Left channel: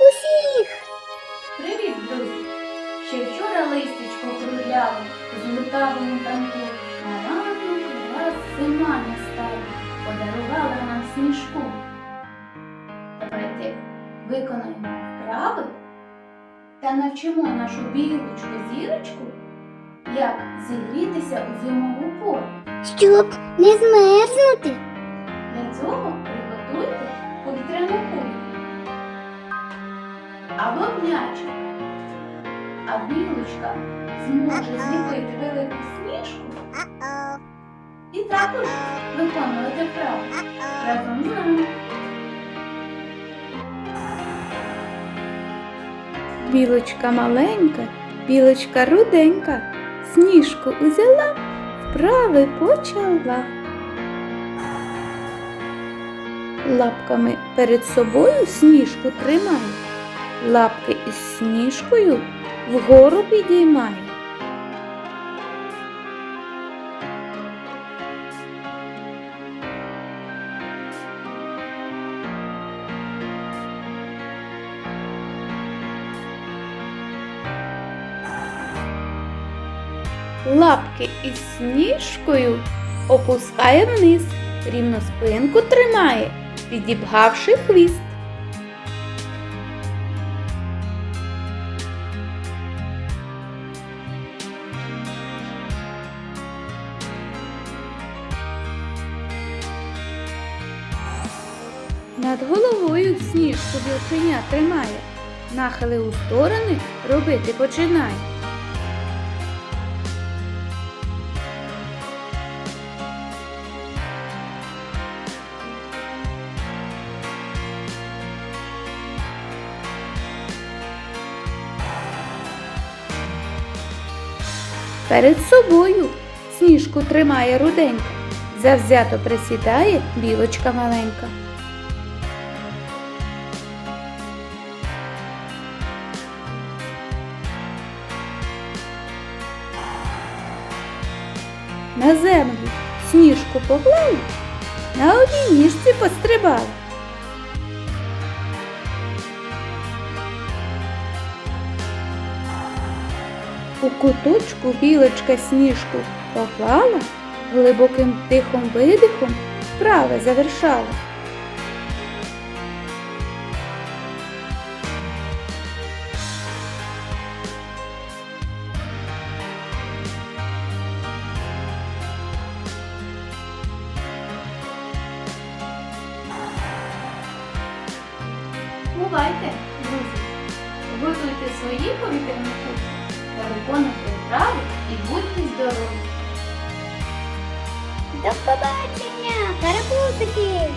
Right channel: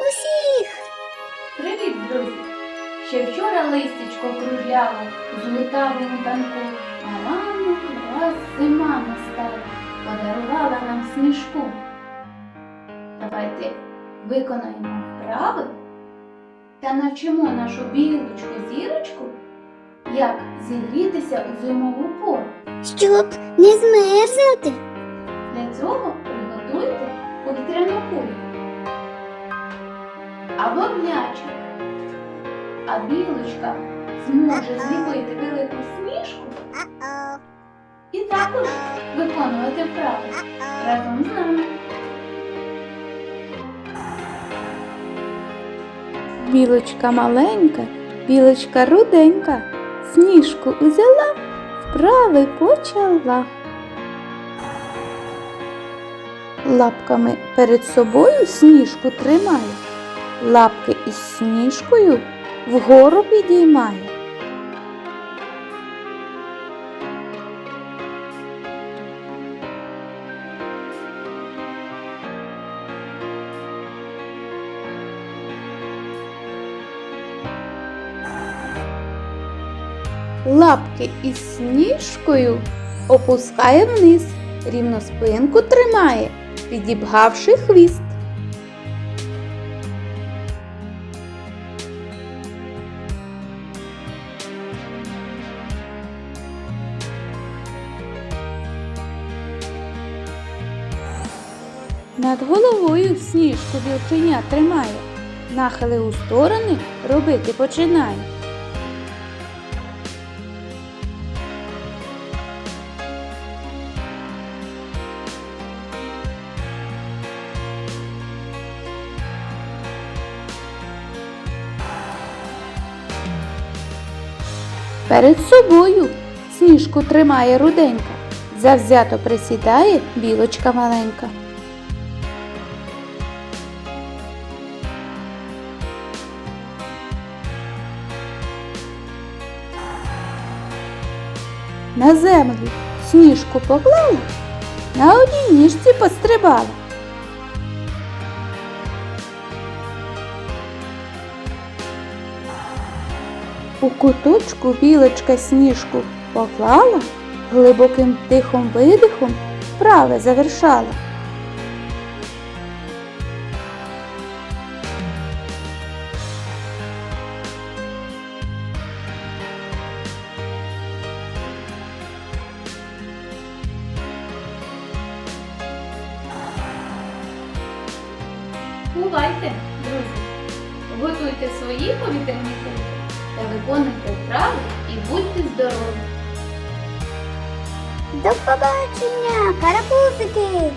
усіх! Привіт, друзі! Ще вчора листячко кружляло з лутавим банку, а ранок раз зима настала, подарувала нам сніжку. Давайте виконаємо вправи та навчимо нашу білочку зірочку, як зігрітися у зимову пору. Щоб не змерзнути. Для цього приготуйте повітряну кульку або м'ячик. А білочка зможе зліпити велику сніжку і також виконувати вправи разом з нами. Білочка маленька, білочка руденька, сніжку узяла, вправи почала. Лапками перед собою сніжку тримає, лапки із сніжкою вгору підіймає. Лапки із сніжкою опускає вниз, рівно спинку тримає, підібгавши хвіст. Над головою сніжку білченя тримає, нахили у сторони робити починає. Перед собою сніжку тримає руденька, завзято присідає білочка маленька. На землю сніжку поклала, на одній ніжці пострибала. У куточку білочка сніжку поклала, глибоким тихом видихом вправи завершала. Бувайте, друзі! Готуйте свої повітряні кульки та виконуйте вправи і будьте здорові! До побачення, карапузики!